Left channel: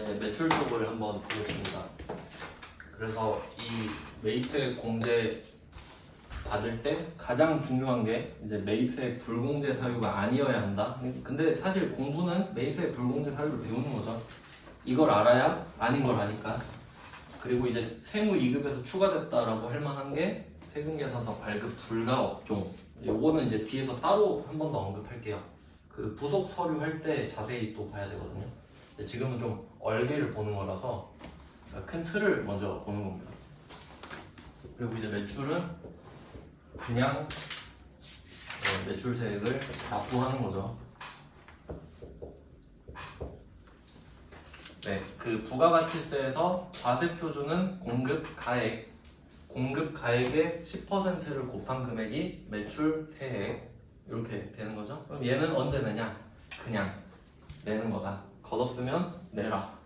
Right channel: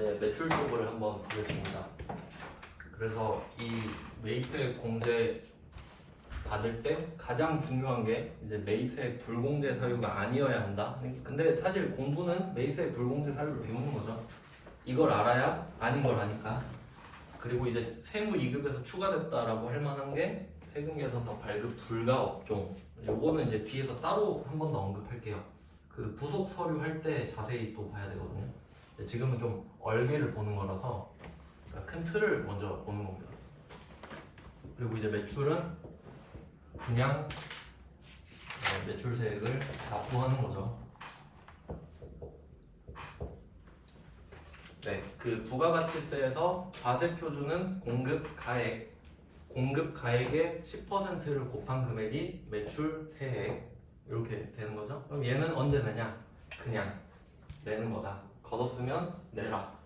이제 매출 쪽을 한번 보겠습니다. 그래서 이 매입세액 공제 받을 때 가장 중요한 게 이제 매입세액 불공제 사유가 아니어야 한다. 근데 사실 공부는 매입세액 불공제 사유를 배우는 거죠. 이걸 알아야 아닌 걸 아니까. 그리고 이제 세무 2급에서 추가됐다라고 할 만한 게 세금계산서 발급 불가 업종. 요거는 이제 뒤에서 따로 한 번 더 언급할게요. 그 부속 서류 할 때 자세히 또 봐야 되거든요. 근데 지금은 좀 얼개를 보는 거라서 큰 틀을 먼저 보는 겁니다. 그리고 이제 매출은 그냥 매출세액을 납부하는 거죠. 네, 그 부가가치세에서 과세표준은 공급 가액의 10%를 곱한 금액이 매출세액 이렇게 되는 거죠. 그럼 얘는 언제 내냐? 그냥 내는 거다. 걷었으면 내라.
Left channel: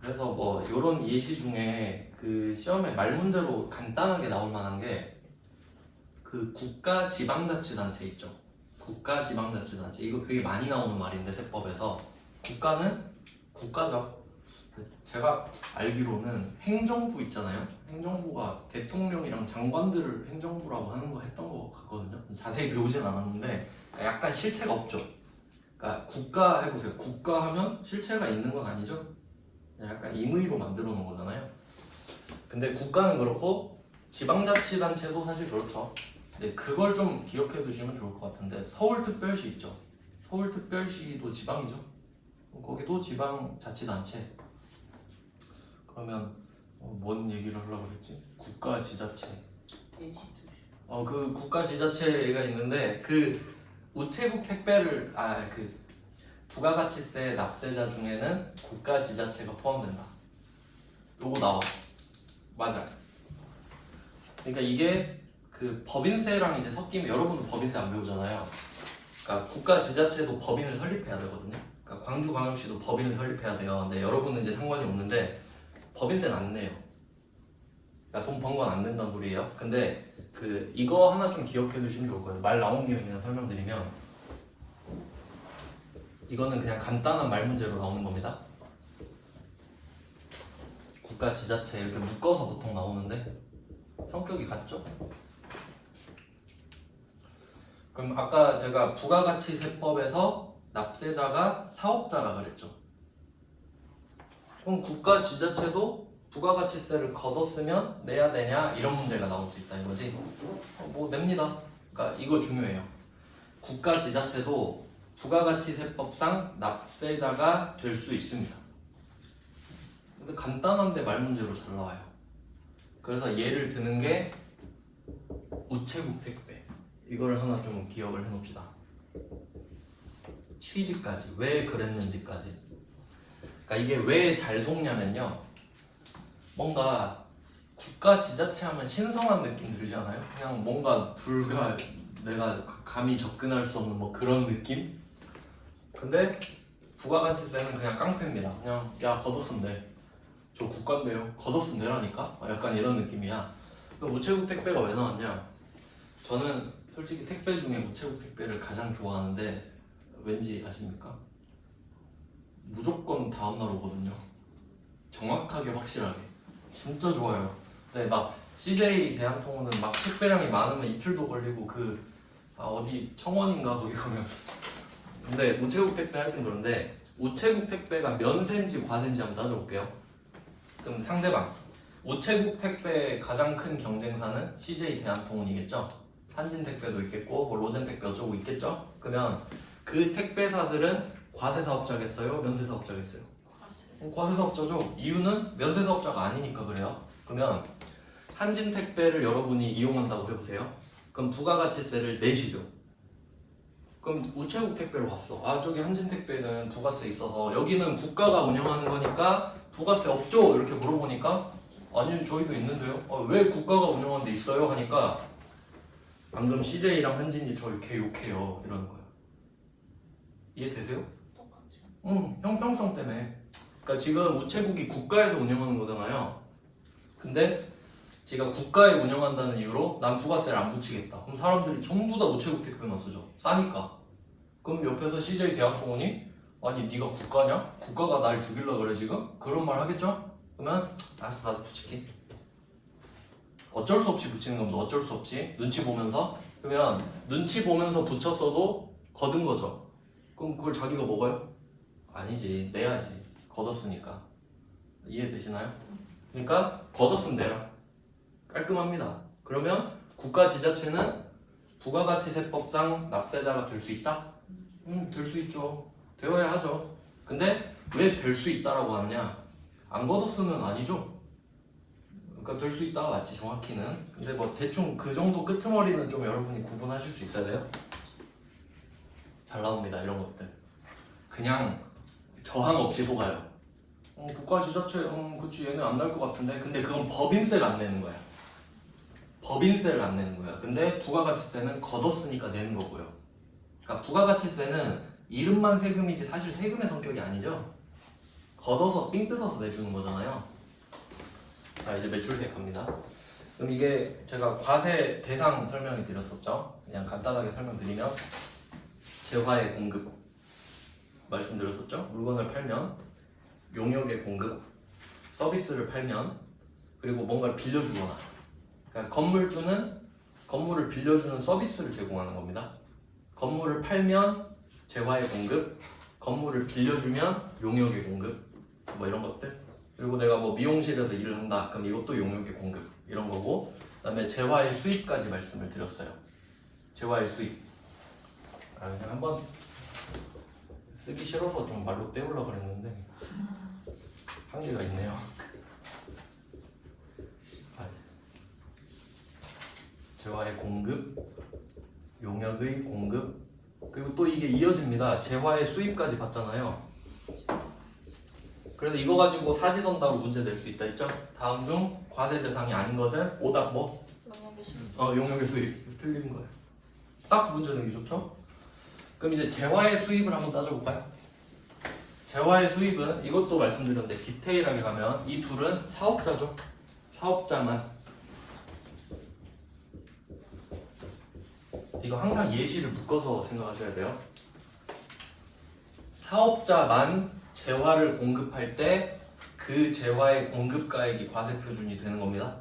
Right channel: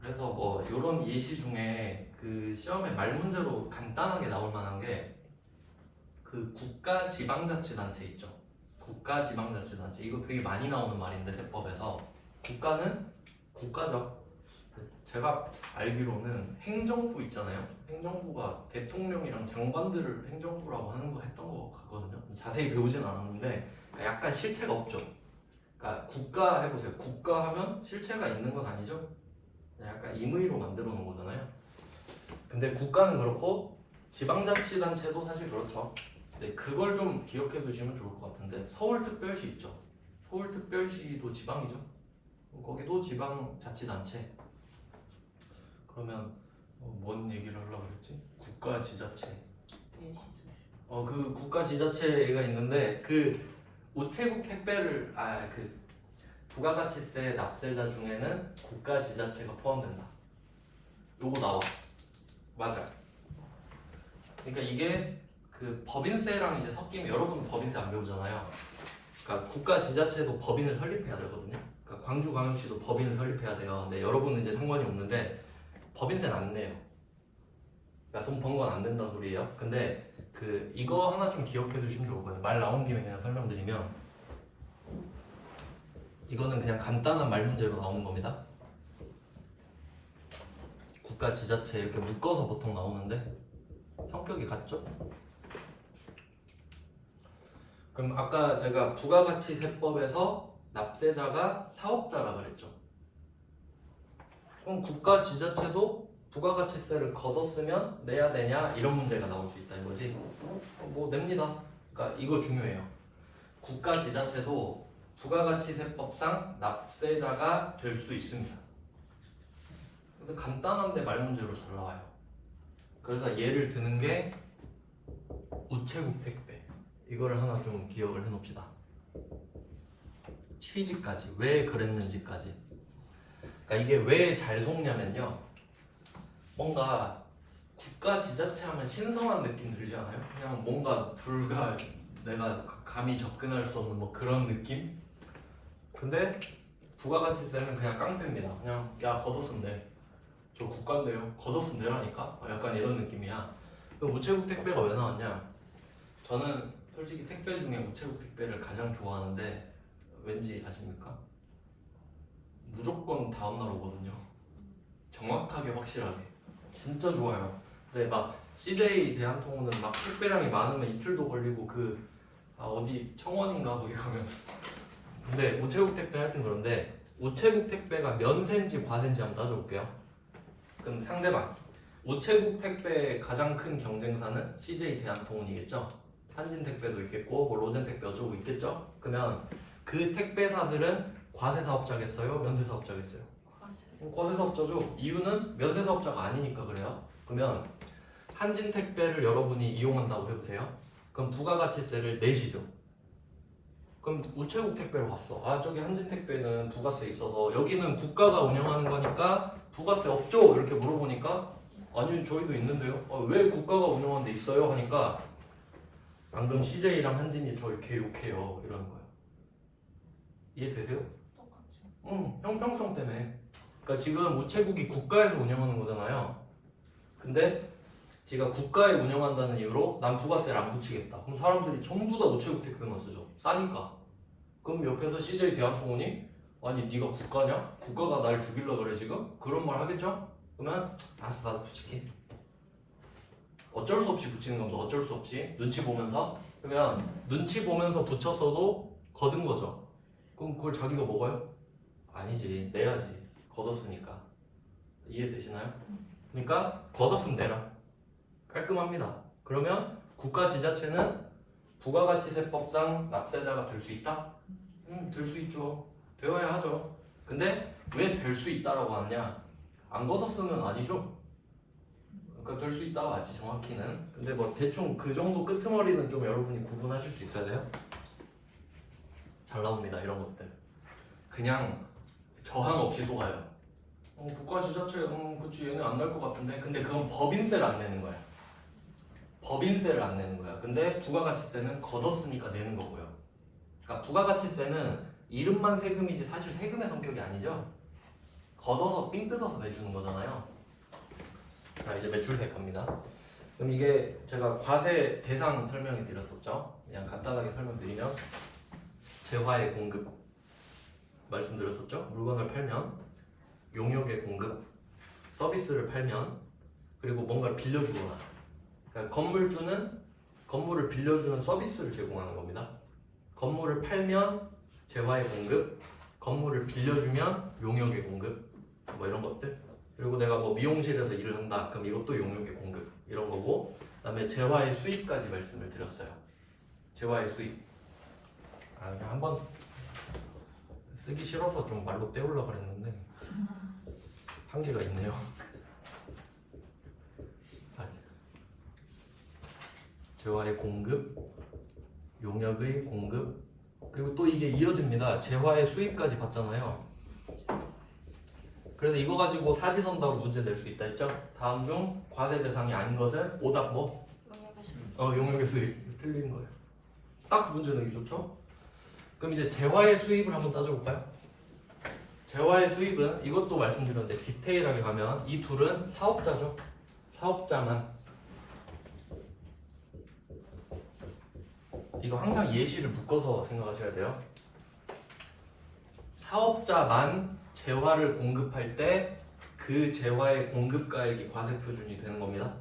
그래서 뭐 이런 예시 중에 그 시험에 말 문제로 간단하게 나올 만한 게 그 국가지방자치단체 있죠. 국가지방자치단체 이거 되게 많이 나오는 말인데 세법에서 국가는 국가죠. 제가 알기로는 행정부 있잖아요. 행정부가 대통령이랑 장관들을 행정부라고 하는 거 했던 거 같거든요. 자세히 배우진 않았는데 약간 실체가 없죠. 그러니까 국가 해보세요. 국가 하면 실체가 있는 건 아니죠. 약간 임의로 만들어 놓은 거잖아요. 근데 국가는 그렇고 지방자치단체도 사실 그렇죠. 네, 그걸 좀 기억해 두시면 좋을 것 같은데 서울특별시 있죠. 서울특별시도 지방이죠. 거기도 지방자치단체. 그러면 뭔 얘기를 하려고 그랬지? 국가지자체. 그 국가지자체가 있는데 그 우체국 택배를 그 부가가치세 납세자 중에는 국가지자체가 포함된다. 요거 나와. 맞아요. 그러니까 이게 그 법인세랑 이제 섞이면 여러분은 법인세 안 배우잖아요. 그러니까 국가지자체도 법인을 설립해야 되거든요. 그러니까 광주광역시도 법인을 설립해야 돼요. 근데 여러분은 이제 상관이 없는데 법인세는 안 내요. 그러니까 돈 번 건 안 된다는 소리예요. 근데 그 이거 하나 좀 기억해 두시면 좋을 거예요. 말 나온 김에 그냥 설명드리면 이거는 그냥 간단한 말 문제로 나오는 겁니다. 국가 지자체 이렇게 묶어서 보통 나오는데 성격이 같죠? 그럼 아까 제가 부가가치세법에서 납세자가 사업자라 그랬죠. 그럼 국가 지자체도 부가가치세를 걷었으면 내야 되냐 이런 문제가 나올 수 있다 이거지. 뭐 냅니다. 그러니까 이거 중요해요. 국가 지자체도 부가가치세법상 납세자가 될 수 있습니다. 근데 간단한데 말 문제로 잘 나와요. 그래서 예를 드는 게 우체국 택배. 이걸 하나 좀 기억을 해놓읍시다. 취지까지 왜 그랬는지까지. 그러니까 이게 왜 잘 속냐면요. 뭔가 국가 지자체 하면 신성한 느낌 들지 않아요? 그냥 뭔가 내가 감히 접근할 수 없는 뭐 그런 느낌? 근데 부가가치세는 그냥 깡패입니다. 그냥 야 걷었으면 돼. 저 국가인데요. 걷었으면 되라니까? 약간 이런 느낌이야. 그럼 우체국 택배가 왜 나왔냐? 저는 솔직히 택배 중에 우체국 택배를 가장 좋아하는데 왠지 아십니까? 무조건 다음날 오거든요. 정확하게 확실하게. 진짜 좋아요. 근데 막 CJ 대한통운은 막 택배량이 많으면 이틀도 걸리고 어디 청원인가 거기 가면 근데 우체국 택배 하여튼 그런데 우체국 택배가 면세인지 과세인지 한번 따져볼게요. 그럼 상대방 우체국 택배의 가장 큰 경쟁사는 CJ 대한통운이겠죠. 한진택배도 있겠고 뭐 로젠택배 어쩌고 있겠죠. 그러면 그 택배사들은 과세사업자겠어요? 면세사업자겠어요? 과세사업자죠. 이유는 면세사업자가 아니니까 그래요. 그러면 한진택배를 여러분이 이용한다고 해보세요. 그럼 부가가치세를 내시죠. 그럼 우체국 택배로 갔어. 저기 한진택배는 부가세 있어서 여기는 국가가 운영하는 거니까 부가세 없죠? 이렇게 물어보니까 아니 저희도 있는데요. 왜 국가가 운영하는 데 있어요? 하니까 방금 CJ랑 한진이 저 이렇게 욕해요 이러는 거예요. 이해되세요? 똑같죠. 형평성 때문에. 그러니까 지금 우체국이 국가에서 운영하는 거잖아요. 근데 제가 국가에 운영한다는 이유로 난 부가세를 안 붙이겠다. 그럼 사람들이 전부 다 우체국 택배만 쓰죠. 싸니까. 그럼 옆에서 CJ 대한통운이 아니 네가 국가냐? 국가가 날 죽이려고 그래 지금? 그런 말 하겠죠? 그러면 알았어 나도 붙일게. 어쩔 수 없이 붙이는 겁니다. 어쩔 수 없이 눈치 보면서. 그러면 눈치 보면서 붙였어도 거둔 거죠. 그럼 그걸 자기가 먹어요? 아니지 내야지. 걷었으니까. 이해되시나요? 그러니까 걷었으면 내라. 깔끔합니다. 그러면 국가지자체는 부가가치세법상 납세자가 될 수 있다? 될 수 있죠. 되어야 하죠. 근데 왜 될 수 있다라고 하냐? 안 걷었으면 아니죠. 그러니까 될 수 있다 맞지 정확히는. 근데 뭐 대충 그 정도 끄트머리는 좀 여러분이 구분하실 수 있어야 돼요. 잘 나옵니다 이런 것들. 그냥 저항 없이 속아요. 국가지자체 그치 얘는 안 날 것 같은데. 근데 그건 법인세를 안 내는 거예요. 법인세를 안 내는 거야. 근데 부가가치세는 걷었으니까 내는 거고요. 그러니까 부가가치세는 이름만 세금이지 사실 세금의 성격이 아니죠. 걷어서 삥 뜯어서 내주는 거잖아요. 자 이제 매출세 갑니다. 그럼 이게 제가 과세 대상 설명을 드렸었죠. 그냥 간단하게 설명드리면 재화의 공급 말씀드렸었죠. 물건을 팔면 용역의 공급, 서비스를 팔면 그리고 뭔가를 빌려주거나. 그러니까 건물주는 건물을 빌려주는 서비스를 제공하는 겁니다. 건물을 팔면 재화의 공급, 건물을 빌려주면 용역의 공급, 뭐 이런 것들. 그리고 내가 뭐 미용실에서 일을 한다, 그럼 이것도 용역의 공급 이런 거고. 그다음에 재화의 수입까지 말씀을 드렸어요. 재화의 수입. 그냥 한번 쓰기 싫어서 좀 말로 때우려고 그랬는데 한계가 있네요. 재화의 공급, 용역의 공급, 그리고 또 이게 이어집니다. 재화의 수입까지 봤잖아요. 그래서 이거 가지고 사지선다로 문제 낼 수 있다 했죠? 다음 중 과세 대상이 아닌 것은 오답 뭐? 용역의 수입. 틀린 거예요. 딱 문제 내기 좋죠? 그럼 이제 재화의 수입을 한번 따져볼까요? 재화의 수입은 이것도 말씀드렸는데 디테일하게 가면 이 둘은 사업자죠. 사업자만. 이거 항상 예시를 묶어서 생각하셔야 돼요. 사업자만 재화를 공급할 때 그 재화의 공급가액이 과세 표준이 되는 겁니다.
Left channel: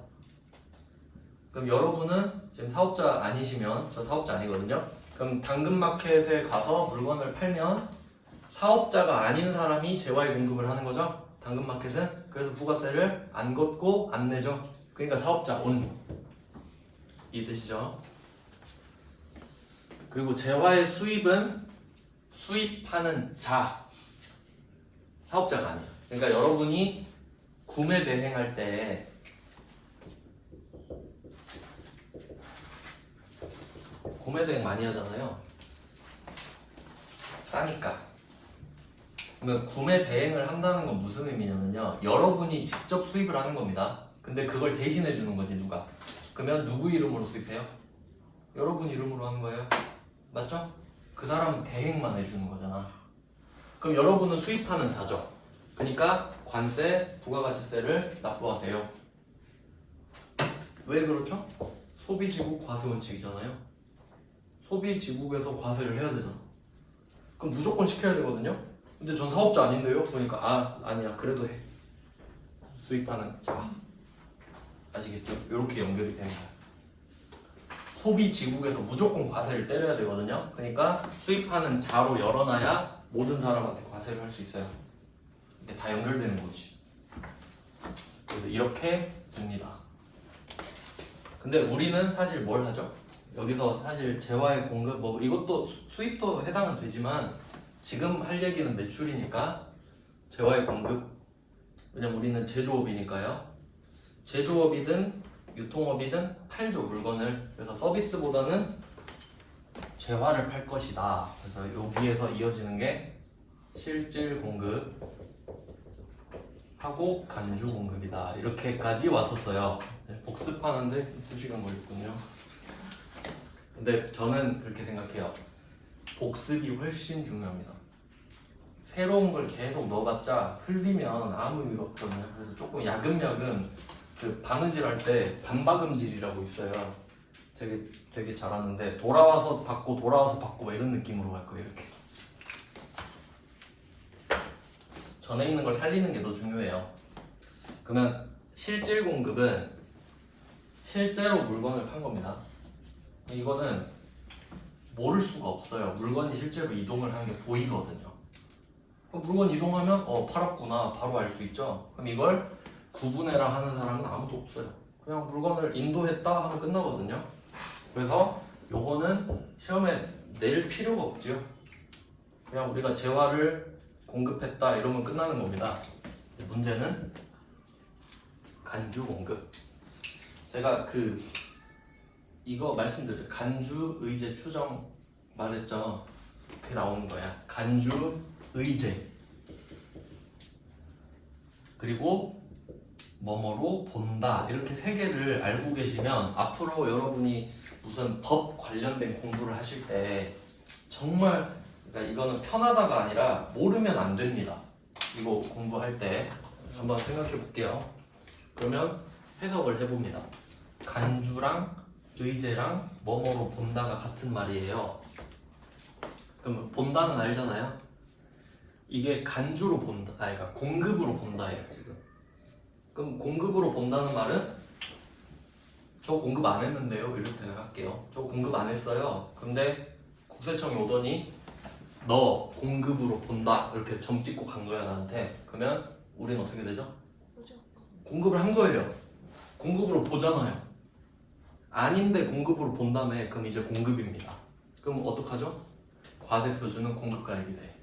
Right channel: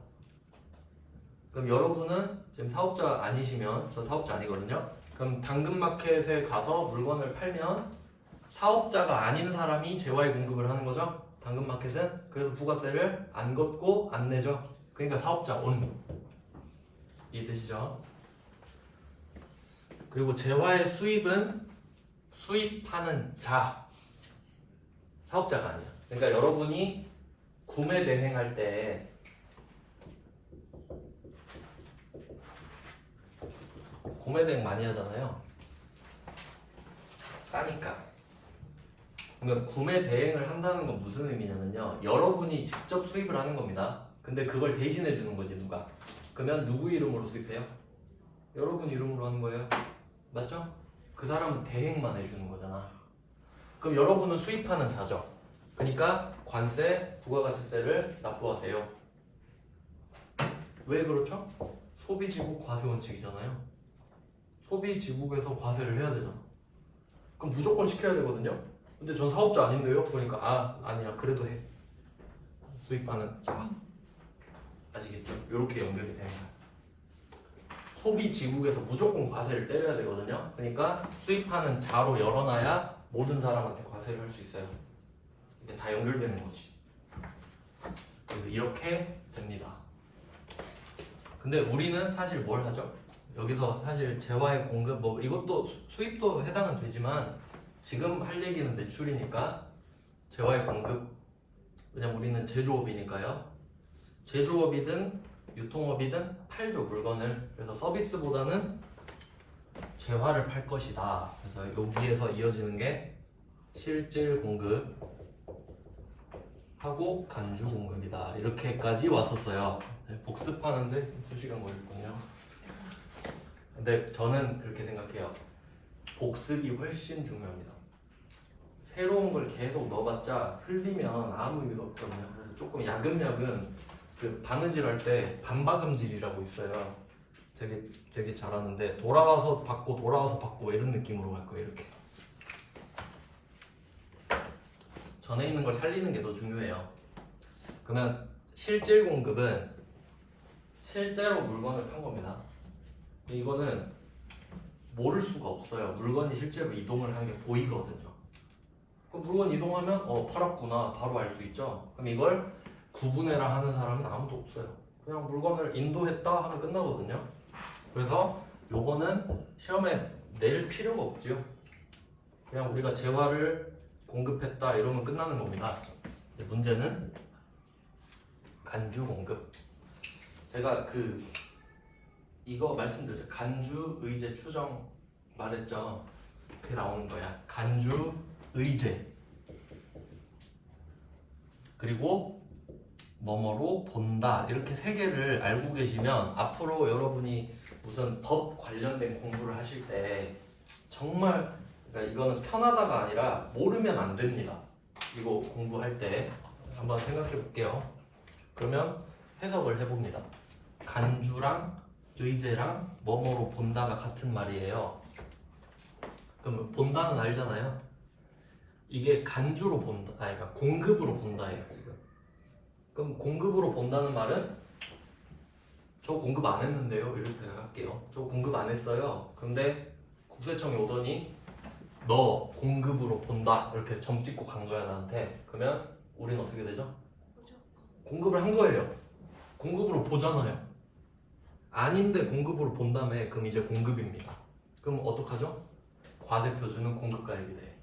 그럼 여러분은 지금 사업자 아니시면, 저 사업자 아니거든요. 그럼 당근마켓에 가서 물건을 팔면 사업자가 아닌 사람이 재화의 공급을 하는 거죠. 당근마켓은. 그래서 부가세를 안 걷고 안 내죠. 그러니까 사업자 온. 이 뜻이죠. 그리고 재화의 수입은 수입하는 자, 사업자가 아니에요. 그러니까 여러분이 구매 대행할 때 구매 대행 많이 하잖아요. 싸니까. 그러니까 구매 대행을 한다는 건 무슨 의미냐면요, 여러분이 직접 수입을 하는 겁니다. 근데 그걸 대신해 주는 거지 누가. 그러면 누구 이름으로 수입해요? 여러분 이름으로 하는 거예요. 맞죠? 그 사람은 대행만 해주는 거잖아. 그럼 여러분은 수입하는 자죠. 그러니까 관세, 부가가치세를 납부하세요. 왜 그렇죠? 소비지국 과세 원칙이잖아요. 소비지국에서 과세를 해야 되잖아. 그럼 무조건 시켜야 되거든요. 근데 전 사업자 아닌데요? 그러니까 아니야 그래도 해. 수입하는 자. 아시겠죠? 이렇게 연결이 되는 거예요. 소비지국에서 무조건 과세를 때려야 되거든요. 그러니까 수입하는 자로 열어놔야 모든 사람한테 과세를 할 수 있어요. 이게 다 연결되는 거지. 그래서 이렇게 됩니다. 근데 우리는 사실 뭘 하죠? 여기서 사실 재화의 공급 뭐 이것도 수입도 해당은 되지만 지금 할 얘기는 매출이니까 재화의 공급. 왜냐면 우리는 제조업이니까요. 제조업이든 유통업이든 팔죠 물건을. 그래서 서비스보다는 재화를 팔 것이다. 그래서 여기에서 이어지는 게 실질 공급 하고 간주 공급이다. 이렇게까지 왔었어요. 복습하는데 2시간 걸렸거든요. 근데 저는 그렇게 생각해요. 복습이 훨씬 중요합니다. 새로운 걸 계속 넣어봤자 흘리면 아무 의미가 없거든요. 그래서 조금 야금야금 그 바느질 할 때 반박음질이라고 있어요. 되게 잘하는데 돌아와서 받고 돌아와서 받고 이런 느낌으로 갈 거예요. 이렇게 전에 있는 걸 살리는 게 더 중요해요. 그러면 실질 공급은 실제로 물건을 판 겁니다. 이거는 모를 수가 없어요. 물건이 실제로 이동을 하는 게 보이거든요. 그럼 물건 이동하면 팔았구나 바로 알 수 있죠. 그럼 이걸 구분해라 하는 사람은 아무도 없어요. 그냥 물건을 인도했다 하면 끝나거든요. 그래서 요거는 시험에 낼 필요가 없지요. 그냥 우리가 재화를 공급했다 이러면 끝나는 겁니다. 문제는 간주 공급. 제가 이거 말씀드렸죠. 간주 의제 추정 말했죠. 그게 나오는 거야. 간주 의제 그리고 뭐뭐로 본다 이렇게 세 개를 알고 계시면 앞으로 여러분이 무슨 법 관련된 공부를 하실 때 정말 그러니까 이거는 편하다가 아니라 모르면 안 됩니다. 이거 공부할 때 한번 생각해 볼게요. 그러면 해석을 해봅니다. 간주랑 의제랑 뭐뭐로 본다가 같은 말이에요. 그럼 본다는 알잖아요. 이게 간주로 본다, 그러니까 공급으로 본다예요 지금. 그럼 공급으로 본다는 말은 저 공급 안 했는데요 이렇게 생각할게요. 저 공급 안 했어요. 근데 국세청이 오더니 너 공급으로 본다 이렇게 점 찍고 간 거야 나한테. 그러면 우리는 어떻게 되죠? 공급을 한 거예요. 공급으로 보잖아요. 아닌데 공급으로 본다며. 그럼 이제 공급입니다. 그럼 어떡하죠? 과세표준은 공급가액이 돼.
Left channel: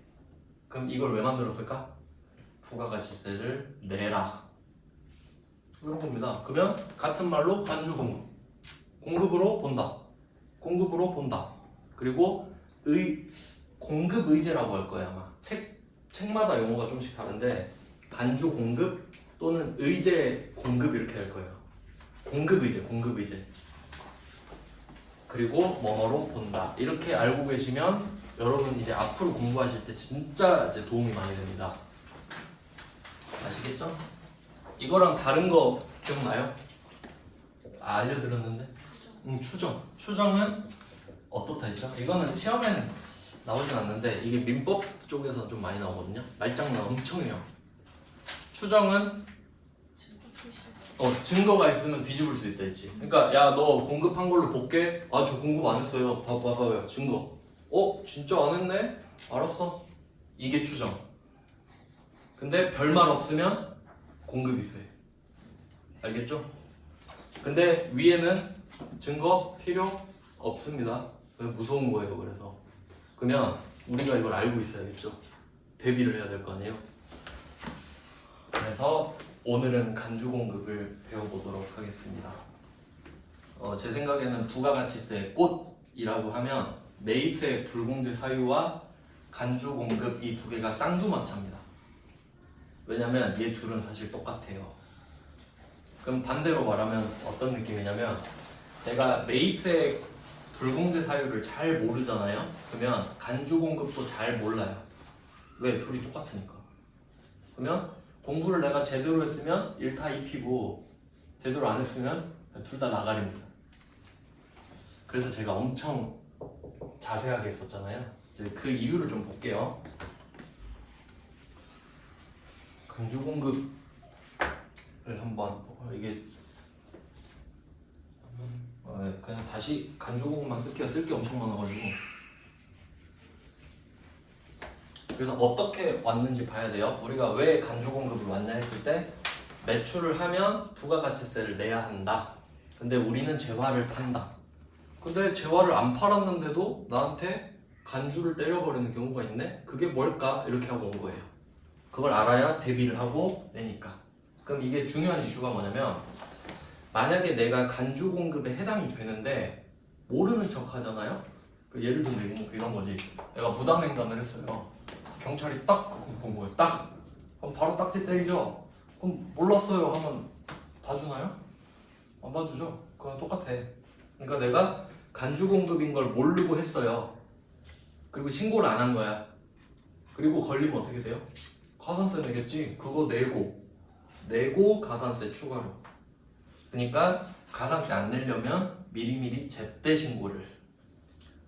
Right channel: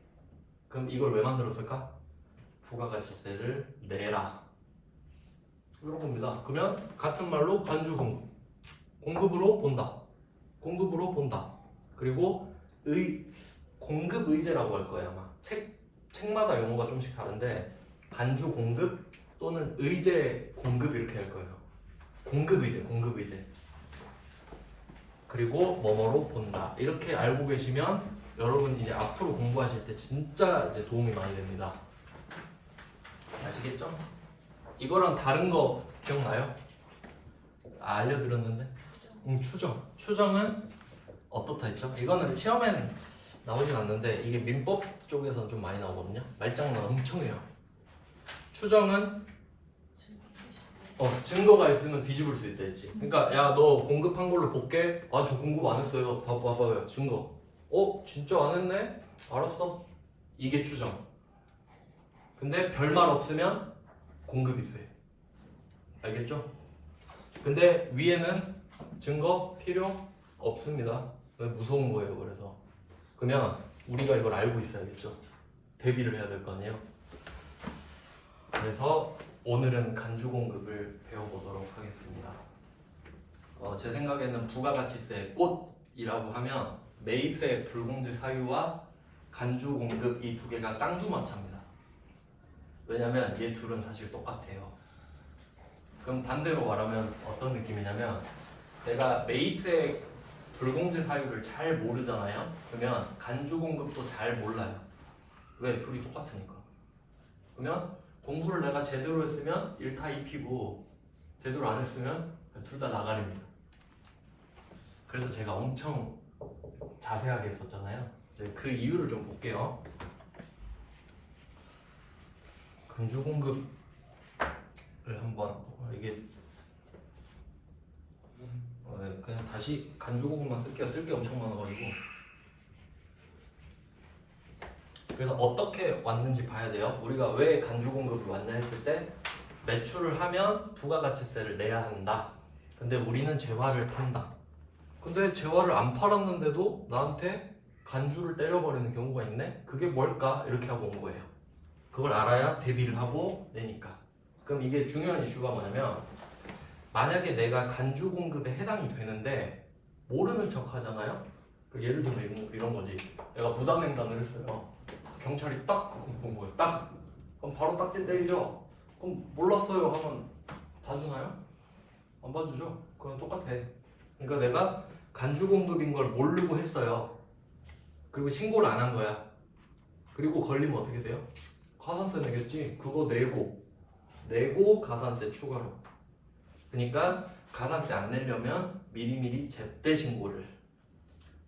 그럼 이걸 왜 만들었을까? 부가가치세를 내라 이런 겁니다. 그러면 같은 말로 간주 공급, 공급으로 본다, 공급으로 본다. 그리고 공급 의제라고 할 거야 아마. 책마다 용어가 조금씩 다른데 간주 공급 또는 의제 공급 이렇게 할 거예요. 공급 의제, 공급 의제. 그리고 뭐뭐로 본다. 이렇게 알고 계시면 여러분 이제 앞으로 공부하실 때 진짜 이제 도움이 많이 됩니다. 아시겠죠? 이거랑 다른 거 기억나요? 알려드렸는데? 추정. 추정은 어떻다 했죠? 이거는 시험엔 나오진 않는데 이게 민법 쪽에서 좀 많이 나오거든요. 말장난 엄청 해요. 추정은 증거가 있으면 뒤집을 수 있다 했지. 그러니까 야 너 공급한 걸로 볼게. 아 저 공급 안 했어요. 봐봐요 증거. 진짜 안 했네? 알았어. 이게 추정. 근데 별말 없으면 공급이 돼. 알겠죠? 근데 위에는 증거 필요 없습니다. 무서운 거예요. 그래서 그러면 우리가 이걸 알고 있어야겠죠. 대비를 해야 될 거 아니에요. 그래서 오늘은 간주 공급을 배워보도록 하겠습니다. 제 생각에는 부가가치세 꽃이라고 하면 매입세 불공제 사유와 간주 공급 이 두 개가 쌍두마차입니다. 왜냐면 얘 둘은 사실 똑같아요. 그럼 반대로 말하면 어떤 느낌이냐면 내가 매입세 불공제 사유를 잘 모르잖아요. 그러면 간주 공급도 잘 몰라요. 왜? 둘이 똑같으니까. 그러면 공부를 내가 제대로 했으면 1타 2피고 제대로 안 했으면 둘 다 나가립니다. 그래서 제가 엄청 자세하게 했었잖아요. 이제 그 이유를 좀 볼게요. 간주 공급을 한번 이게 그냥 다시 간주 공급만 쓸게요. 쓸 게 엄청 많아가지고. 그래서 어떻게 왔는지 봐야 돼요. 우리가 왜 간주 공급이 왔냐 했을 때 매출을 하면 부가가치세를 내야 한다. 근데 우리는 재화를 판다. 근데 재화를 안 팔았는데도 나한테 간주를 때려버리는 경우가 있네? 그게 뭘까? 이렇게 하고 온 거예요. 그걸 알아야 대비를 하고 내니까. 그럼 이게 중요한 이슈가 뭐냐면 만약에 내가 간주 공급에 해당이 되는데 모르는 척 하잖아요? 예를 들면 이런 거지. 내가 부당행간을 했어요. 경찰이 딱 본 거예요. 딱! 그럼 바로 딱지 때리죠? 그럼 몰랐어요 하면 봐주나요? 안 봐주죠? 그건 똑같아. 그러니까 내가 간주 공급인 걸 모르고 했어요. 그리고 신고를 안 한 거야. 그리고 걸리면 어떻게 돼요? 가산세 내겠지. 그거 내고 가산세 추가로. 그러니까 가산세 안 내려면 미리미리 제때 신고를.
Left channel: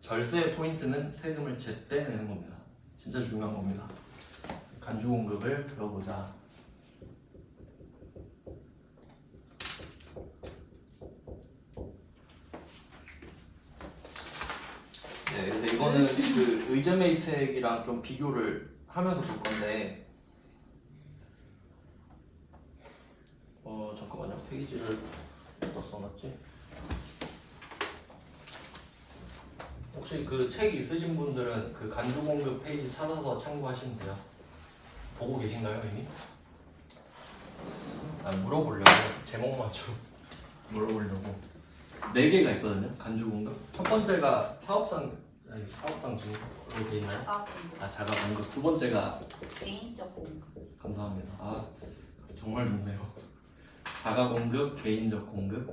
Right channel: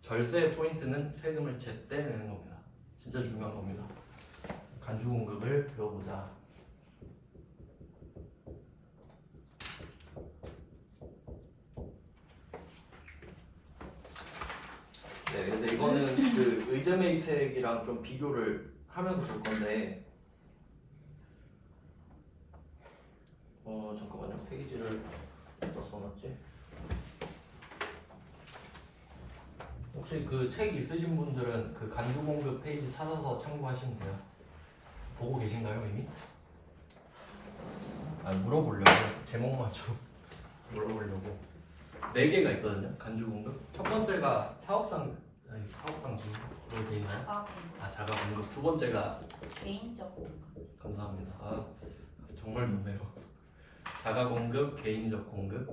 절세의 포인트는 세금을 제때 내는 겁니다. 진짜 중요한 겁니다. 간주 공급을 배워보자. 네, 근데 이거는 그 의제메이트색이랑 좀 비교를 하면서 볼 건데, 잠깐만요. 페이지를 어디다 써놨지? 혹시 그 책 있으신 분들은 그 간주 공급 페이지 찾아서 참고하시면 돼요. 보고 계신가요, 이미? 물어보려고 제목만 좀 물어보려고. 4개가 있거든요. 간주 공급. 첫 번째가 사업상 증으로 돼 있나요? 자가 공급. 두 번째가 개인적 공급. 감사합니다. 정말 높네요. 자가 공급, 개인적 공급.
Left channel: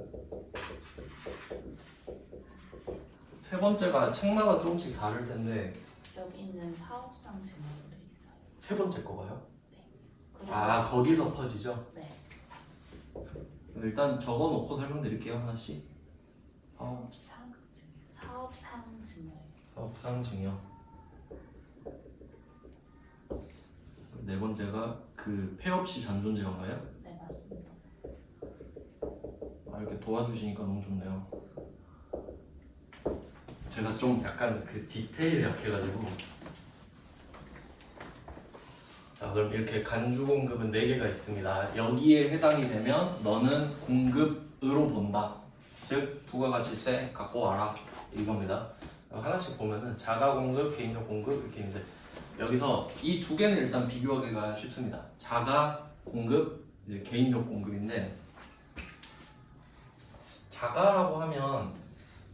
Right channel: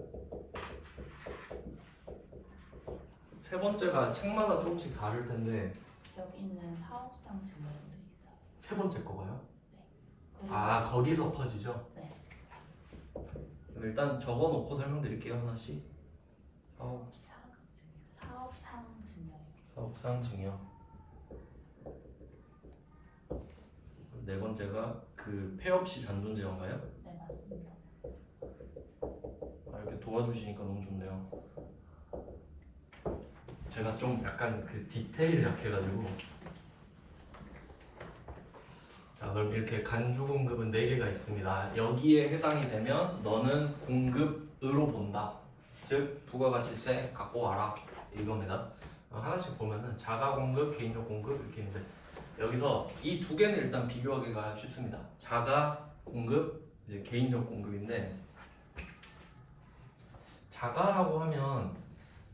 세 번째가 책마다 조금씩 다를 텐데 여기는 사업상 증여로 돼 있어요. 세 번째 거 봐요? 그리고 거기서 퍼지죠? 네. 일단 적어놓고 설명드릴게요. 하나씩. 사업상 증여예요. 사업상 증여. 네 번째가 그 폐업시 잔존제한가요? 네, 맞습니다. 이렇게 도와주시니까 너무 좋네요. 제가 좀 약간 그 디테일에 약해가지고. 자, 그럼 이렇게 간주 공급은 4개가 있습니다. 여기에 해당이 되면 너는 공급으로 본다. 즉 부가가치세 갖고 와라 이겁니다. 하나씩 보면은 자가 공급, 개인적 공급 이렇게 있는데 여기서 이 두 개는 일단 비교하기가 쉽습니다. 자가 공급, 이제 개인적 공급인데 자가라고 하면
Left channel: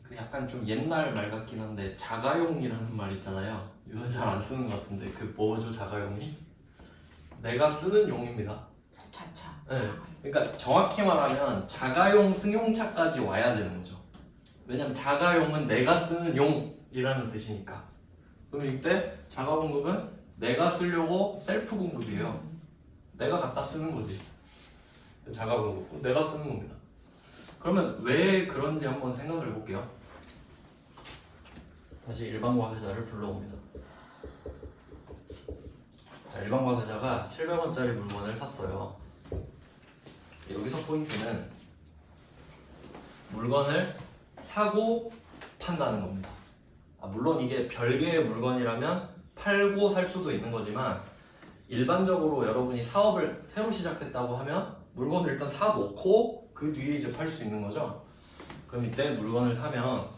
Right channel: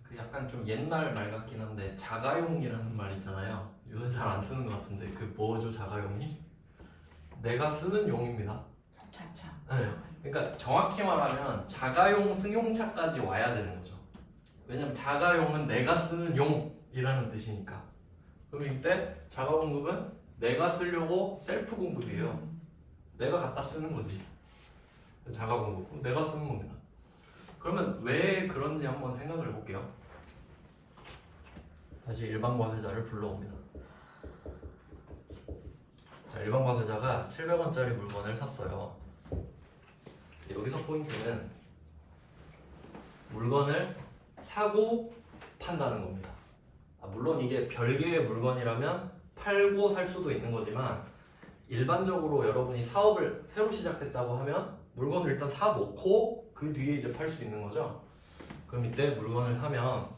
그 약간 좀 옛날 말 같긴 한데 자가용이라는 말 있잖아요. 이건 잘 안 쓰는 것 같은데 그 뭐죠 자가용이? 내가 쓰는 용입니다. 차차. 네. 그러니까 정확히 말하면 자가용 승용차까지 와야 되는 거죠. 왜냐면 자가용은 내가 쓰는 용이라는 뜻이니까. 그럼 이때 자가 공급은 내가 쓰려고 셀프 공급이에요. 내가 갖다 쓰는 거지. 자가 공급. 내가 쓰는 겁니다. 그러면 왜 그런지 한번 생각을 해볼게요. 다시 일반 과세자를 불러옵니다. 자, 일반 과세자가 700원짜리 물건을 샀어요. 여기서 포인트는 물건을 사고 판다는 겁니다. 물론 이게 별개의 물건이라면 팔고 살 수도 있는 거지만 일반적으로 여러분이 사업을 새로 시작했다고 하면 물건을 일단 사놓고 그 뒤에 이제 팔 수 있는 거죠. 그럼 이때 물건을 사면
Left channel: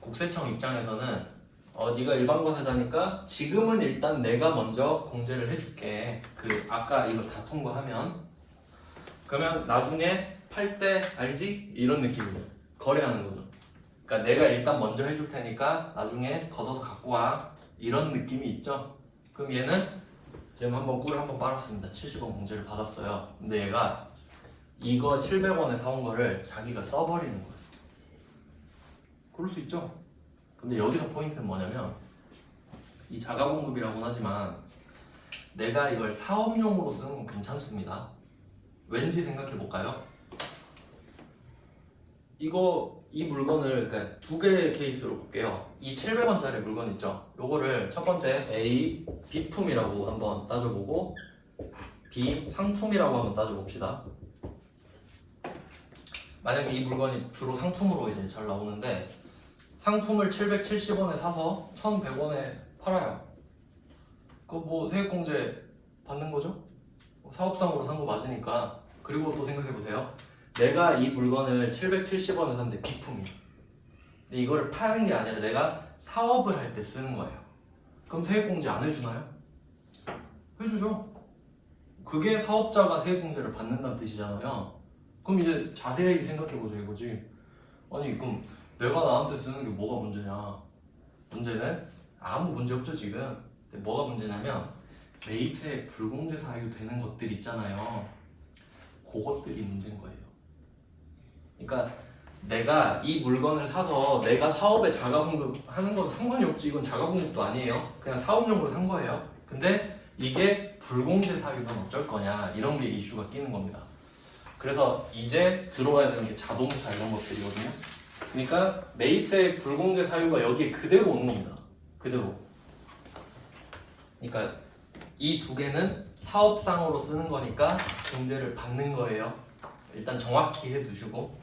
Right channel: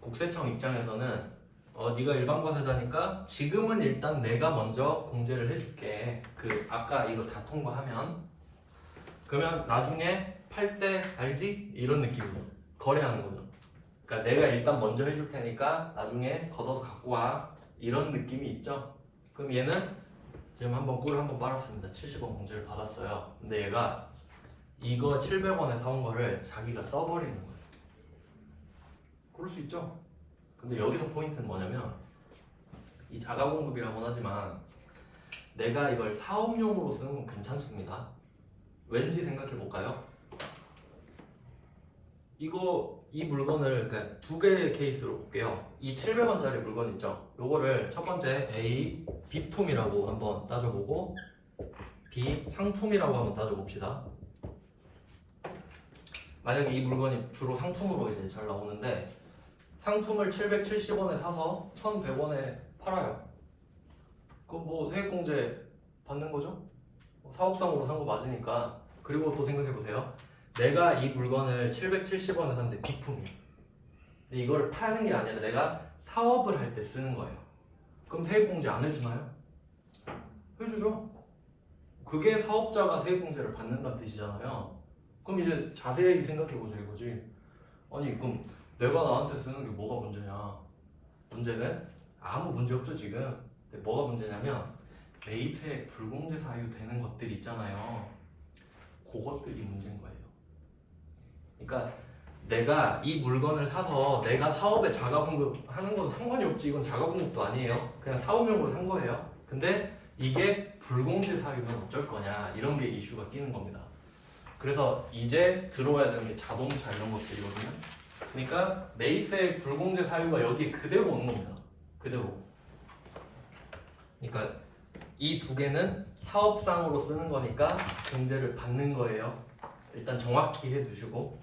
국세청 입장에서는 네가 일반 과세자니까 지금은 일단 내가 먼저 공제를 해줄게. 아까 이거 다 통과하면 그러면 나중에 팔 때 알지? 이런 느낌이죠. 거래하는 거죠. 그러니까 내가 일단 먼저 해줄 테니까 나중에 걷어서 갖고 와. 이런 느낌이 있죠. 그럼 얘는 지금 꿀을 한번 빨았습니다. 70원 공제를 받았어요. 근데 얘가 이거 700원에 사온 거를 자기가 써버리는 거예요. 그럴 수 있죠. 근데 여기서 포인트는 뭐냐면 이 자가공급이라고는 하지만 내가 이걸 사업용으로 쓰는 건 괜찮습니다. 왠지 생각해 볼까요? 이 물건을 그러니까 두 개의 케이스로 볼게요. 이 700원짜리 물건 있죠? 요거를 첫 번째 A 비품이라고 한번 따져보고 B 상품이라고 한번 따져봅시다. 만약에 이 물건이 주로 상품으로 이제 잘 나오는데 상품을 770원에 사서 1100원에 팔아요. 뭐 세액공제 받는 거죠? 사업상으로 산 거 맞으니까. 그리고 또 생각해보세요. 내가 이 물건을 770원에 샀는데 비품이. 근데 이걸 파는 게 아니라 내가 사업을 할 때 쓰는 거예요. 그럼 세액공제 안 해주나요? 해주죠. 그게 사업자가 세액공제를 받는다는 뜻이잖아요. 그럼 이제 자세히 생각해보죠 이거지. 아니 그럼 내가 나한테 쓰는 게 뭐가 문제냐. 문제는 아무 문제 없죠 지금. 근데 뭐가 문제냐면 매입세액 불공제 사유 되는 것들 있잖아요. 그것들이 문제인 거예요. 그러니까 내가 이 물건을 사서 내가 사업에 자가공급하는 건 상관이 없지. 이건 자가공급도 아니에요. 그냥 사업용으로 산 거예요. 근데 이게 불공제 사유면 어쩔 거냐 이런 게 이슈가 끼는 겁니다. 그래서 이제 들어와야 되는 게 자동차 이런 것들이거든요. 그러니까 매입세액 불공제 사유가 여기에 그대로 오는 겁니다. 그대로. 그러니까 이 두 개는 사업상으로 쓰는 거니까 공제를 받는 거예요. 일단 정확히 해두시고,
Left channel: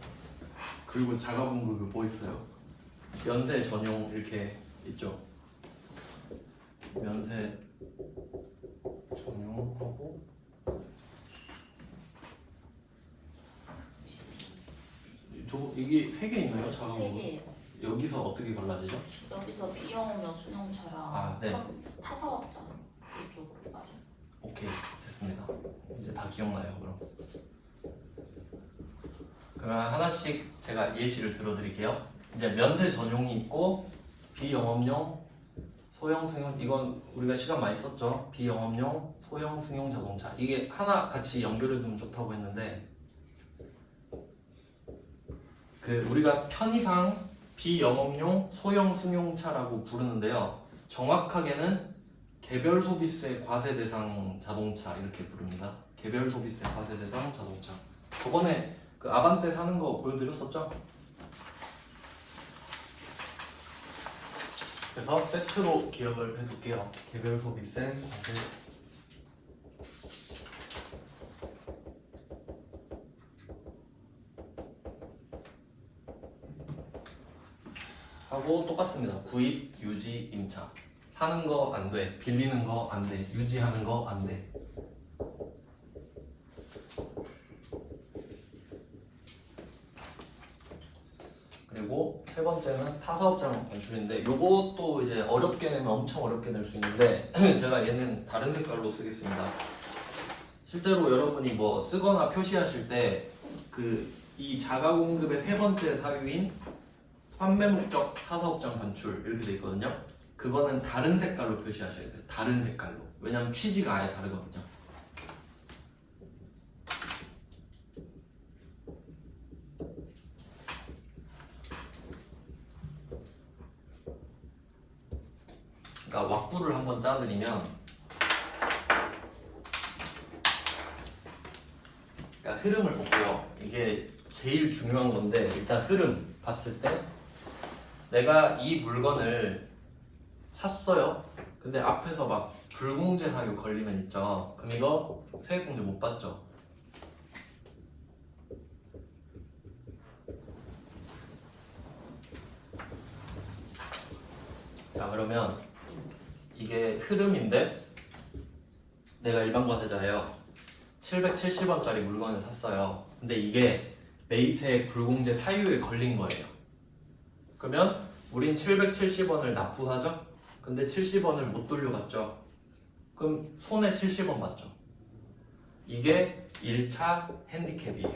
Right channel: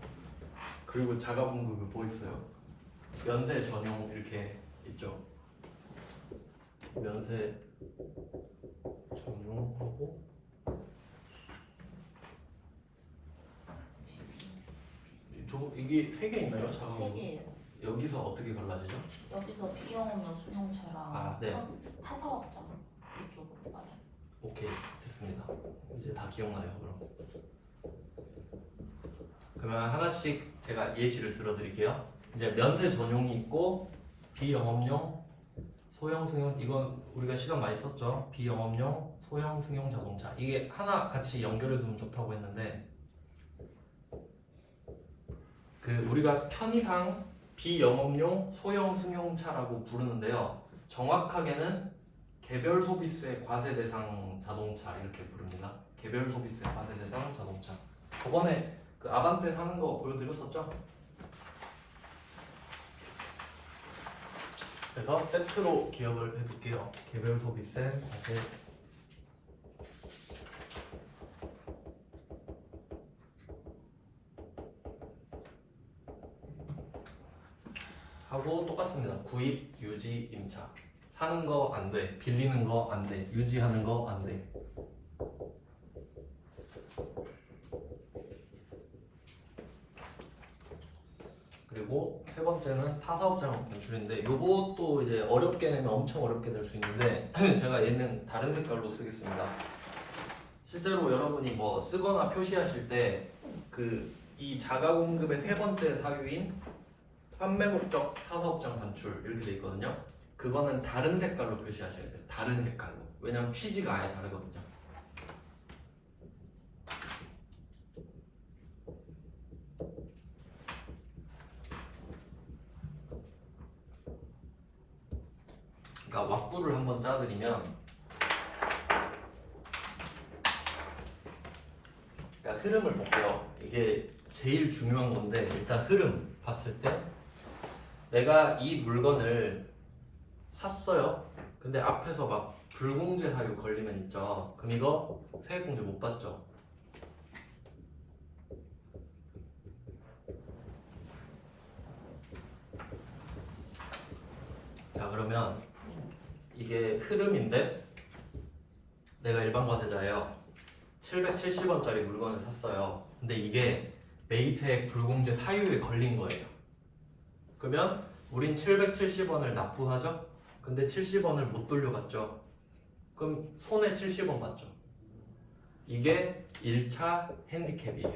그리고 자가분급이 뭐 있어요? 면세 전용 이렇게 있죠. 면세 전용하고 이게 세 개 있나요? 세 자가분급? 개예요. 여기서 어떻게 갈라지죠? 여기서 비영업용 수용차랑 아, 네. 타사업자 이쪽으로 가요. 오케이, 됐습니다. 이제 다 기억나요, 그럼. 그러면 하나씩 제가 예시를 들어드릴게요. 이제 면세 전용이 있고 비영업용, 소형 승용, 이건 우리가 시간 많이 썼죠. 비영업용, 소형 승용 자동차. 이게 하나 같이 연결해두면 좋다고 했는데, 그 우리가 편의상 비영업용 소형 승용차라고 부르는데요. 정확하게는 개별 소비세 과세 대상 자동차 이렇게 부릅니다. 개별 소비세 과세 대상 자동차. 저번에 그 아반떼 사는 거 보여드렸었죠? 그래서 세트로 기억을 해둘게요. 개별 소비세 과세 하고 똑같습니다. 구입, 유지, 임차. 사는 거 안 돼, 빌리는 거 안 돼, 유지하는 거 안 돼. 그리고 세 번째는 타사업장 반출인데, 요것도 이제 어렵게 내면 엄청 어렵게 낼 수 있는데 제가 얘는 다른 색깔로 쓰겠습니다. 실제로 여러분이 뭐 쓰거나 표시하실 때 이 자가공급의 세 번째 사유인 판매 목적 타사업장 반출 이렇게 돼 있거든요. 그거는 다른 색깔로 표시하셔야 돼요. 다른 색깔로. 왜냐면 취지가 아예 다르거든요. 그러니까 왁구를 한번 짜드리면, 그러니까 흐름을 볼게요. 이게 제일 중요한 건데, 일단 흐름 봤을 때 내가 이 물건을 샀어요. 근데 앞에서 막 불공제 사유 걸리면 있죠. 그럼 이거 세액공제 못 받죠. 자, 그러면 이게 흐름인데 내가 일반 과세자예요. 770원짜리 물건을 샀어요. 근데 이게 매입세액 불공제 사유에 걸린 거예요. 그러면 우린 770원을 납부하죠? 근데 70원을 못 돌려받죠? 그럼 손해 70원 맞죠? 이게 1차 핸디캡이에요.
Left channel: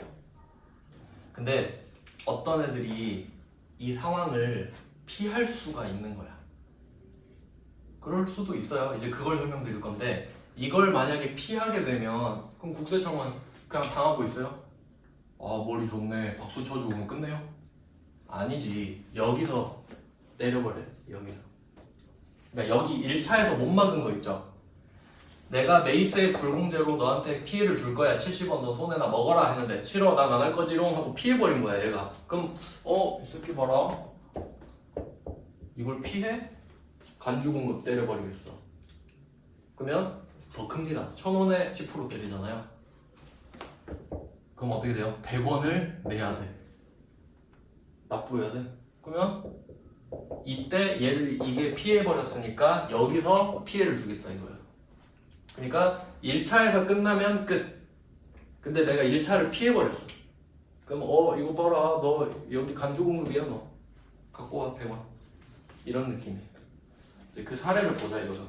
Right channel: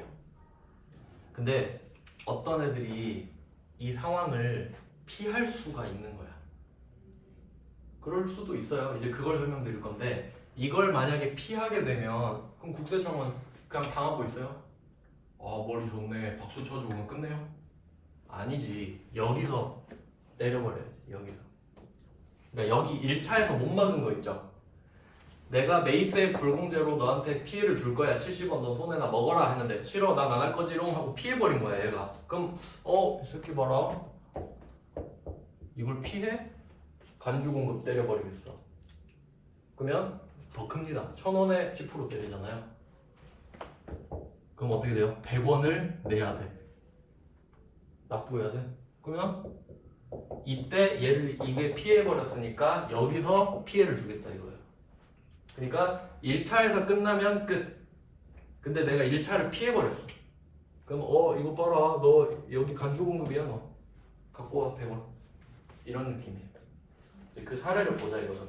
근데 어떤 애들이 이 상황을 피할 수가 있는 거야. 그럴 수도 있어요. 이제 그걸 설명드릴 건데, 이걸 만약에 피하게 되면 그럼 국세청은 그냥 당하고 있어요? 아, 머리 좋네, 박수 쳐주고 끝내요? 아니지. 여기서 내려버려야지. 여기서. 그러니까 여기 1차에서 못 막은 거 있죠. 내가 매입세액 불공제로 너한테 피해를 줄 거야. 70원 너 손해나 먹어라 했는데, 싫어, 난 안 할 거지롱 하고 피해버린 거야 얘가. 그럼 이 새끼 봐라, 이걸 피해? 간주공급 때려버리겠어. 그러면 더 큽니다. 1,000원에 10% 때리잖아요. 그럼 어떻게 돼요? 100원을 내야 돼. 납부해야 돼. 그러면 이때 이게 피해버렸으니까 여기서 피해를 주겠다 이거예요. 그러니까 1차에서 끝나면 끝. 근데 내가 1차를 피해버렸어. 그럼 이거 봐라, 너 여기 간주공급이야, 너 갖고 와 100원. 이런 느낌이에요. 이제 그 사례를 보자 이거죠.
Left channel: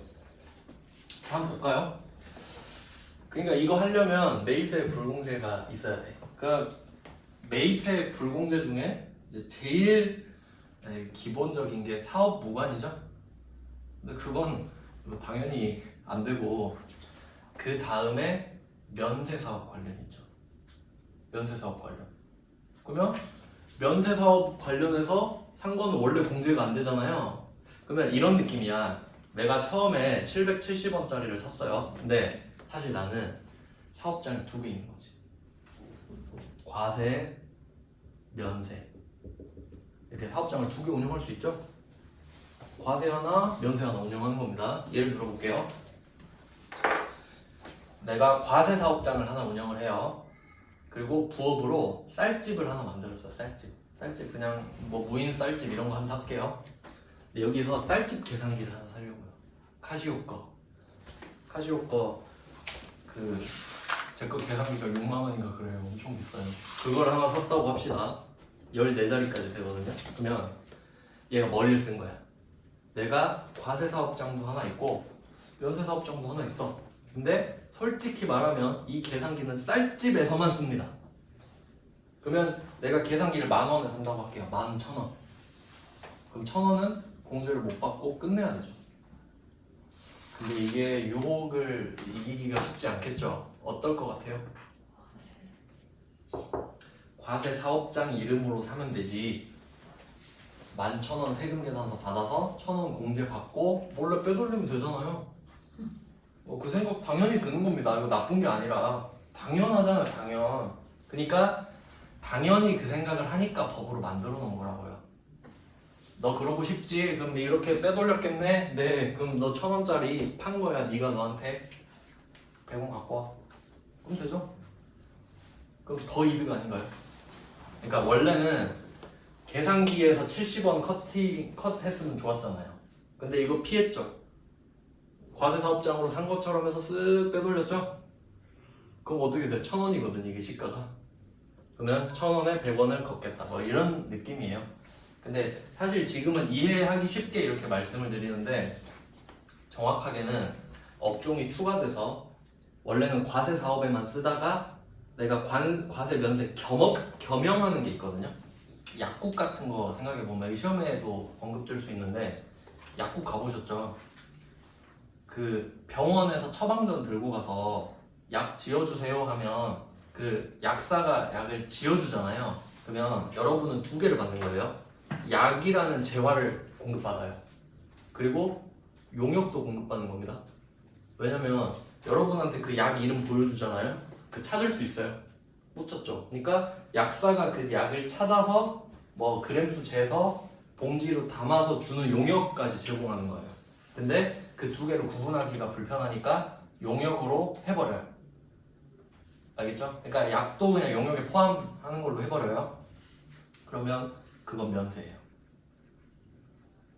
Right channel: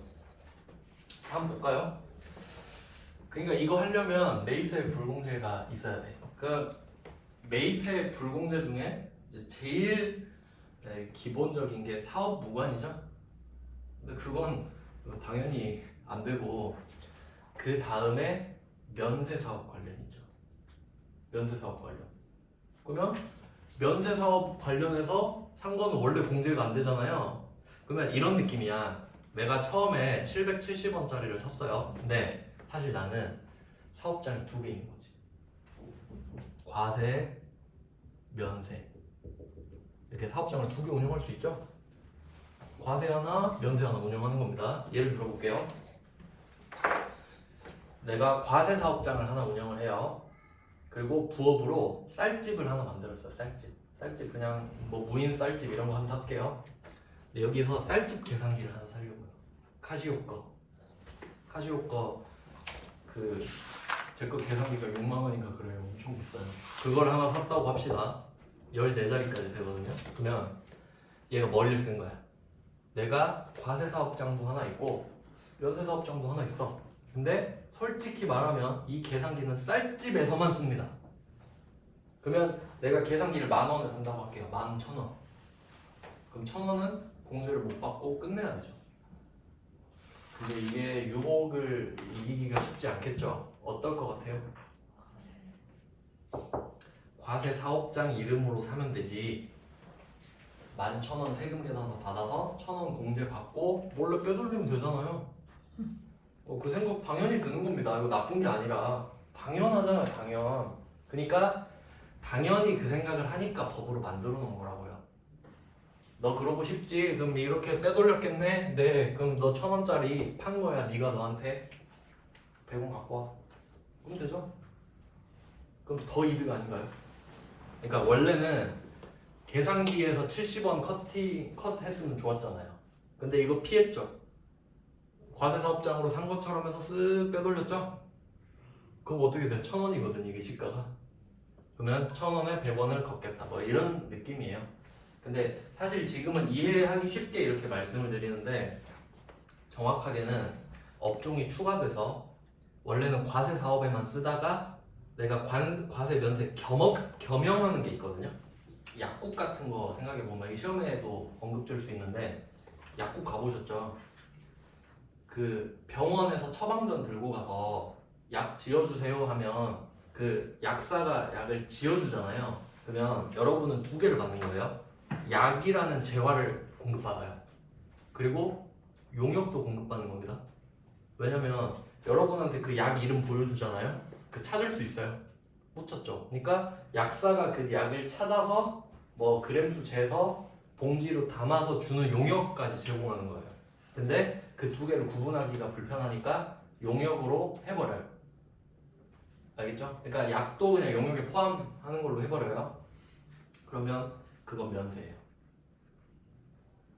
한번 볼까요? 그러니까 이거 하려면 매입세액 불공제가 있어야 돼. 그러니까 매입세액 불공제 중에 이제 제일 기본적인 게 사업 무관이죠. 근데 그건 당연히 안 되고, 그 다음에 면세사업 관련이죠. 면세사업 관련. 그러면 면세사업 관련해서 산 거는 원래 공제가 안 되잖아요. 그러면 이런 느낌이야. 내가 처음에 770원짜리를 샀어요. 근데 사실 나는 사업장이 2개 있는 거지. 과세, 면세. 이렇게 사업장을 2개 운영할 수 있죠. 과세 하나, 면세 하나 운영하는 겁니다. 예를 들어볼게요. 내가 과세 사업장을 하나 운영을 해요. 그리고 부업으로 쌀집을 하나 만들었어요. 쌀집 그냥 뭐 무인 쌀집 이런 거 한번 할게요. 근데 여기서 쌀집 계산기를 하나 사려고요. 카시오 거 그 제 거 계산기가 6만 원인가 그래요. 엄청 비싸요. 그걸 하나 샀다고 합시다. 14자리까지 되거든요. 그러면 얘가 머리를 쓴 거야. 내가 과세 사업장도 하나 있고 면세 사업장도 하나 있어. 근데 솔직히 말하면 이 계산기는 쌀집에서만 씁니다. 그러면 내가 계산기를 10,000원에 산다고 할게요. 11,000원. 그럼 1,000원은 공제를 못 받고 끝내야 되죠. 근데 이게 유혹을 이기기가 쉽지 않겠죠. 어떨 것 같아요? 과세 사업장 이름으로 사면 되지. 11,000원 세금 계산서 받아서 1,000원 공제 받고 몰래 빼돌리면 되잖아요. 그 생각 당연히 드는 겁니다. 이거 나쁜 게 아니라 당연하잖아요, 당연. 그러니까 당연히 그 생각을 하니까 법으로 만들어 놓은 거라고요. 너 그러고 싶지? 그럼 이렇게 빼돌렸겠네? 네, 그럼 너 1,000원짜리 판 거야. 네가 너한테 100원 갖고 와. 그럼 되죠? 그럼 더 이득 아닌가요? 그러니까 원래는 계산기에서 70원 컷 했으면 좋았잖아요. 근데 이거 피했죠. 과세 사업장으로 산 것처럼 해서 쓱 빼돌렸죠? 그럼 어떻게 돼? 1,000원이거든 이게 시가가. 그러면 1,000원에 100원을 걷겠다. 뭐 이런 느낌이에요. 근데 사실 지금은 이해하기 쉽게 이렇게 말씀을 드리는데 정확하게는 업종이 추가돼서 원래는 과세 사업에만 쓰다가 내가 과세 면세 겸용하는 게 있거든요. 약국 같은 거 생각해 보면 시험에도 언급될 수 있는데 약국 가보셨죠? 그 병원에서 처방전 들고 가서 약 지어주세요 하면 그 약사가 약을 지어주잖아요. 그러면 여러분은 2개를 받는 거예요. 약이라는 재화를 공급받아요. 그리고 용역도 공급받는 겁니다. 왜냐면 여러분한테 그 약 이름 보여주잖아요. 그 찾을 수 있어요. 못 찾죠. 그러니까 약사가 그 약을 찾아서 뭐 그램수 재서 봉지로 담아서 주는 용역까지 제공하는 거예요. 근데 그 2개를 구분하기가 불편하니까 용역으로 해버려요. 알겠죠? 그러니까 약도 그냥 용역에 포함하는 걸로 해버려요. 그러면 그건 면세예요.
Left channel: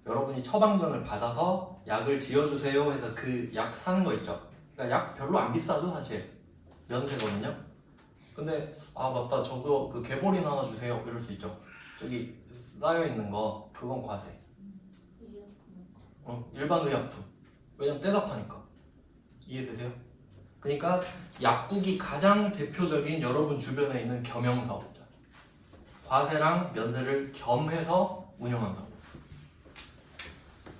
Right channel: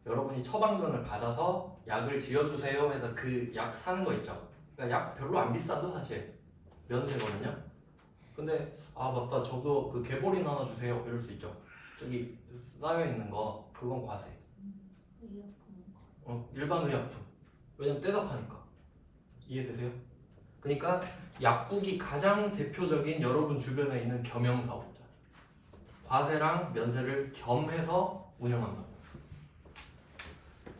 여러분이 처방전을 받아서 약을 지어주세요 해서 그 약 사는 거 있죠? 그러니까 약 별로 안 비싸죠 사실. 면세거든요. 근데 아 맞다 저거 그 개보린 하나 주세요 이럴 수 있죠. 저기 쌓여있는 거 그건 과세. 일반 의약품. 왜냐면 떼다 파니까. 이해되세요? 그러니까 약국이 가장 대표적인 여러분 주변에 있는 겸용사업자. 과세랑 면세를 겸해서 운영한다.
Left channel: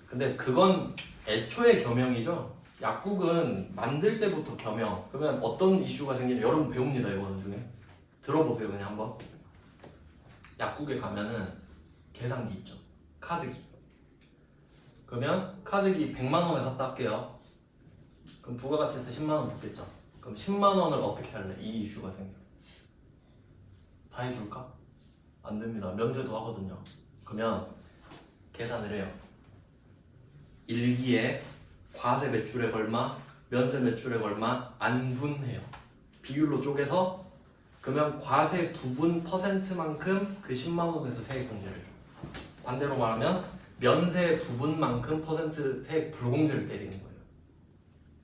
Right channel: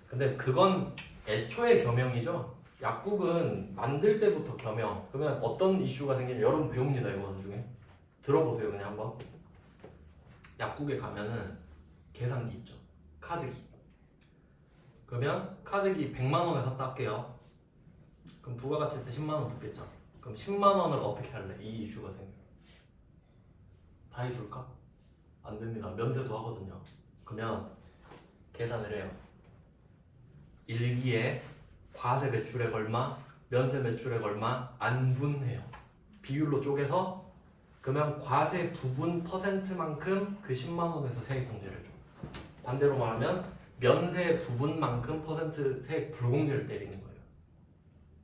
근데 그건 애초에 겸용이죠. 약국은 만들 때부터 겸용. 그러면 어떤 이슈가 생기냐 여러분 배웁니다. 이거 나중에 들어보세요. 그냥 한번. 약국에 가면은 계산기 있죠. 카드기. 그러면 카드기 100만 원에 샀다 할게요. 그럼 부가가치세 10만 원 붙겠죠. 그럼 10만 원을 어떻게 할래? 이 이슈가 생겨. 다 해줄까? 안 됩니다. 면세도 하거든요. 그러면 계산을 해요. 1기에 과세 매출액 얼마, 면세 매출액 얼마 안 분해요. 비율로 쪼개서 그러면 과세 부분 퍼센트만큼 그 10만 원에서 세액 공제를 줘. 반대로 말하면 면세 부분만큼 퍼센트 세액 불공제를 때리는 거예요.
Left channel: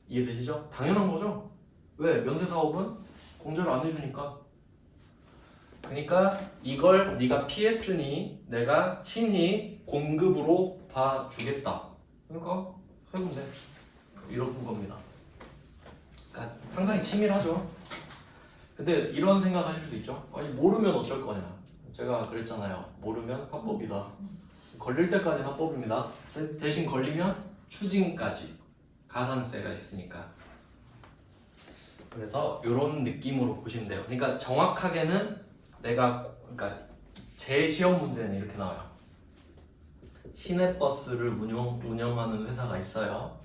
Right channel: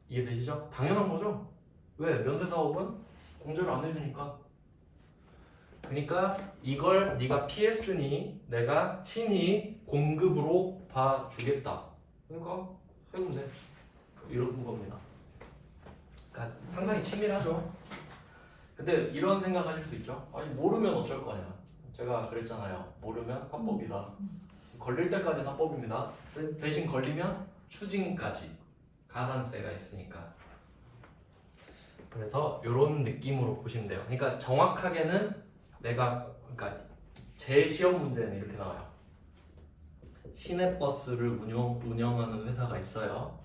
이해되시죠? 당연한 거죠? 왜? 면세 사업은 공제를 안 해주니까. 그러니까 이걸 네가 피했으니 내가 친히 공급으로 봐주겠다. 그러니까 세금 돼. 이런 겁니다. 그러니까 상당히 치밀하죠. 근데 이런 생각 하실 수 있죠. 아니 모르면 어쩔 거냐. 제가 그랬잖아요. 모르면 합법이다. 걸릴 때까지는 합법입니다. 대신 걸리면 추징까지 가산세가 있으니까. 그래서 이런 느낌으로 보시면 돼요. 그러니까 정확하게는 그러니까 제 시험 문제는 이렇게 나와요. 시내버스를 운영하는 회사가 있어요.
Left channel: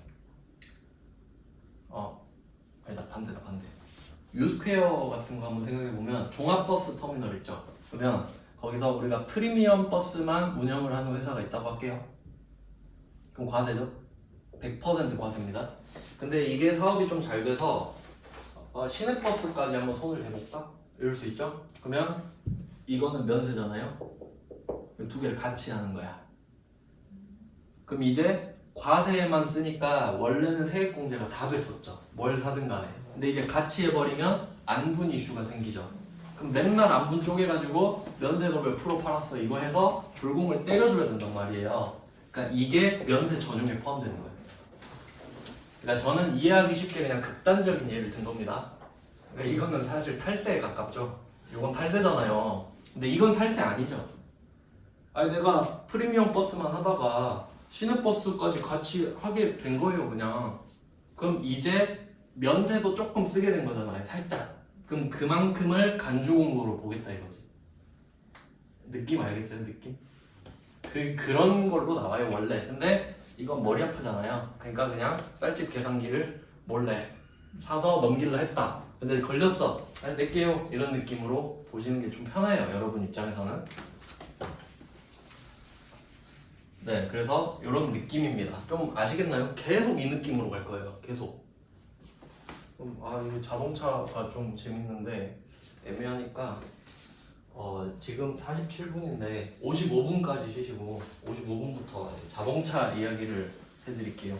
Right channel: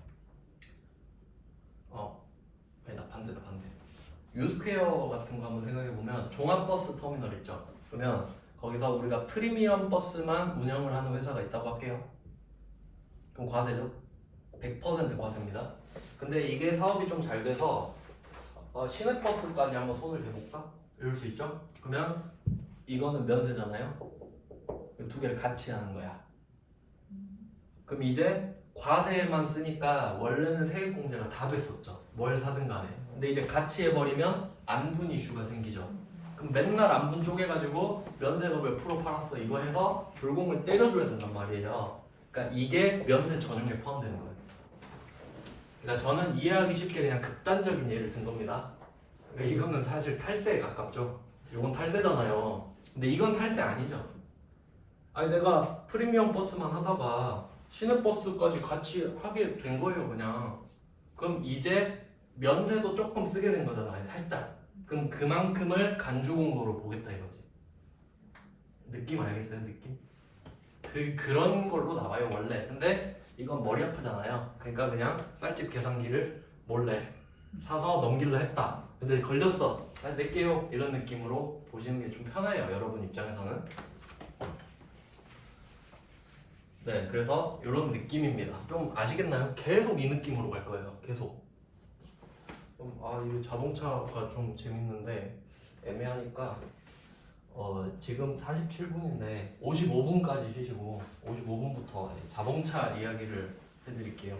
아니다 반대. 유스퀘어 같은 거 한번 생각해 보면 종합버스 터미널 있죠. 그러면 거기서 우리가 프리미엄 버스만 운영을 하는 회사가 있다고 할게요. 그럼 과세죠? 100% 과세입니다. 근데 이게 사업이 좀 잘 돼서 시내버스까지 한번 손을 대볼까? 이럴 수 있죠? 그러면 이거는 면세잖아요. 이 두 개를 같이 하는 거야. 그럼 이제 과세에만 쓰니까 원래는 세액공제가 다 됐었죠. 뭘 사든 간에. 근데 이제 같이 해버리면 안분 이슈가 생기죠. 그럼 맨날 안분 쪼개가지고 면세금을 풀어 팔았어 이거 해서 불공을 때려줘야 된단 말이에요. 그러니까 이게 면세 전용에 포함되는 거예요. 그러니까 저는 이해하기 쉽게 그냥 극단적인 예를 든 겁니다. 그러니까 이거는 사실 탈세에 가깝죠. 이건 탈세잖아요. 근데 이건 탈세 아니죠. 아니 내가 프리미엄 버스만 하다가 시내버스까지 같이 하게 된 거예요 그냥. 그럼 이제 면세도 조금 쓰게 된 거잖아요 살짝. 그럼 그만큼을 간주공로로 보겠다 이거지. 느낌 알겠어요 느낌? 그런 걸로 나와요 원래. 근데 이건 머리 아프잖아요. 그러니까 그냥 쌀집 계산기를 몰래 사서 넘기려 했다. 근데 걸렸어. 아니 낼게요 이런 느낌으로 보시는 게 좀 편해요 여러분 입장에서는. 네, 그래서 이런 느낌입니다. 좀 아시겠나요? 계속 이 느낌으로 갈 거예요. 계속. 이거 자동차가 좀 재밌는데 애매하니까 지금 47분인데 55분까지 쉬시고 55분부터 자동차 이야기를 해드릴게요.